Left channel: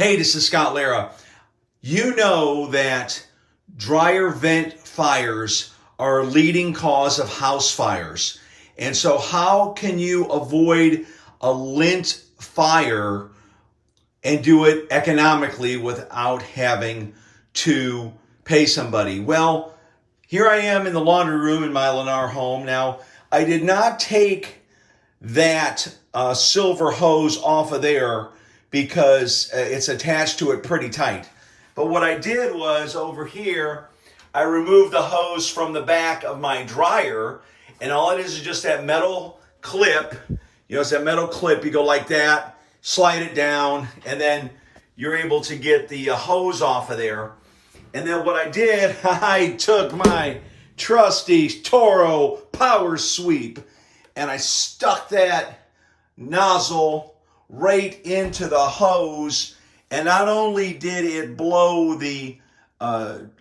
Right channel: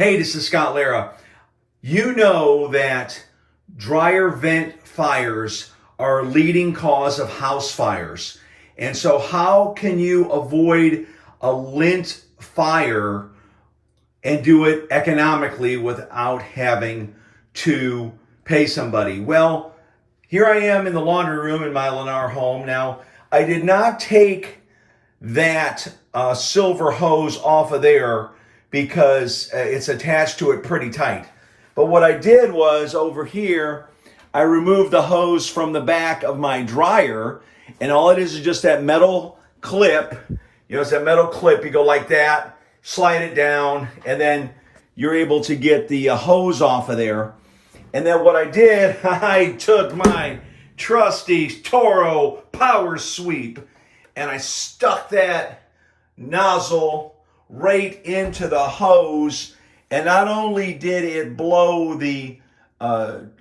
Hey, this is Scott Lara. You know that dryer vent fires are a leading cause of house fires. And so how can you avoid a lint fire and do it economically without having to pay somebody? Well, here I am in the laundry room in my Lennar home. Now, I did not take that silver hose off of there because it's attached to it pretty tight. But what I did was over here, I removed the hose from the back of my dryer, and all it is just that metal clip. You know, it's that metal clip. You go like that, slide it down, and then you're able to get the hose off of there. And then what I did, I took my trusty Toro power sweep and I stuck that nozzle right into the hose. And not only did it blow the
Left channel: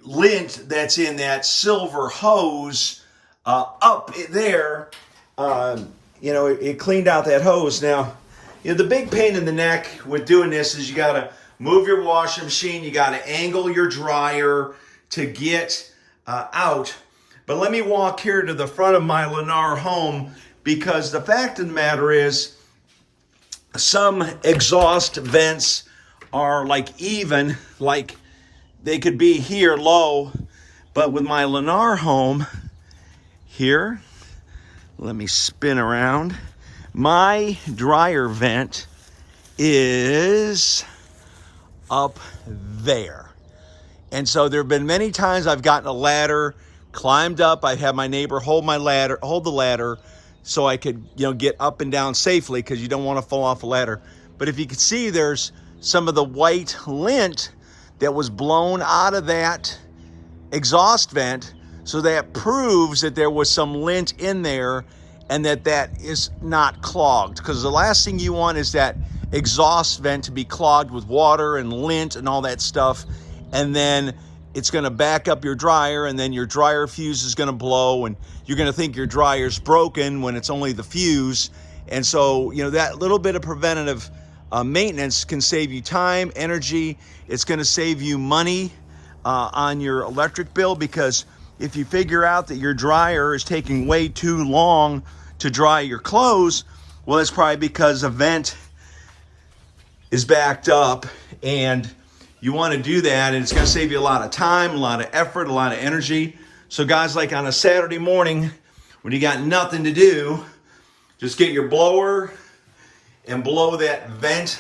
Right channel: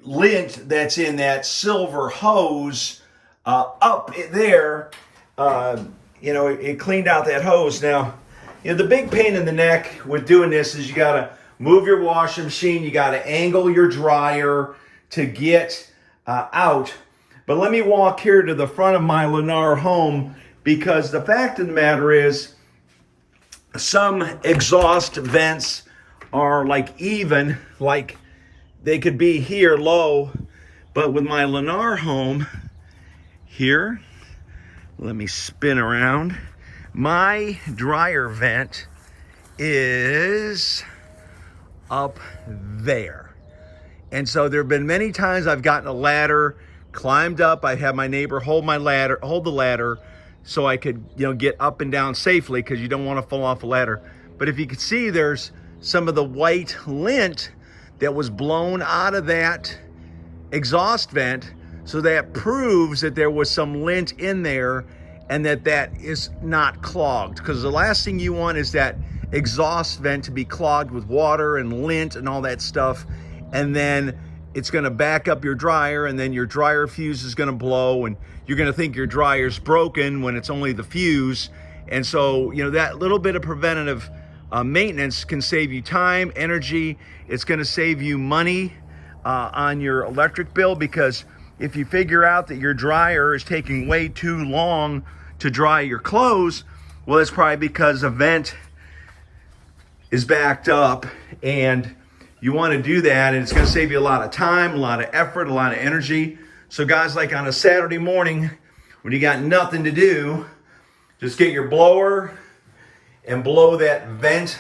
lint that's in that silver hose up there, it cleaned out that hose. Now, the big pain in the neck with doing this is you got to move your washing machine. You got to angle your dryer to get out. But let me walk here to the front of my Lennar home, because the fact of the matter is some exhaust vents are like they could be here low. But with my Lennar home here, let me spin around. My dryer vent is up there. And so there have been many times I've gotten a ladder, climbed up. I had my neighbor hold the ladder so I could, get up and down safely, because you don't want to fall off a ladder. But if you could see, there's some of the white lint that was blown out of that exhaust vent. So that proves that there was some lint in there and that is not clogged. Because the last thing you want is that exhaust vent to be clogged with water and lint and all that stuff. And then it's gonna back up your dryer, and then your dryer fuse is gonna blow, and you're gonna think your dryer's broken when it's only the fuse. And so, that little bit of preventative maintenance can save you time, energy. It's gonna save you money on your electric bill, because if you figure out that your dryer is taking way too long to dry your clothes, well, it's probably because a vent is backed up, and you want to do that, and it's going to save you a lot of time, a lot of effort, a lot of energy. So guys, like on a Saturday morning when you got nothing to do, just get your blower and blow that vent,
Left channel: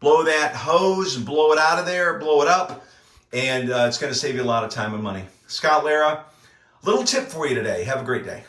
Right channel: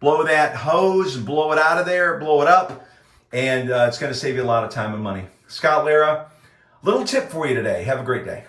blow that hose, blow it out of there, blow it up, and it's going to save you a lot of time and money. Scott Lara, little tip for you today. Have a great day.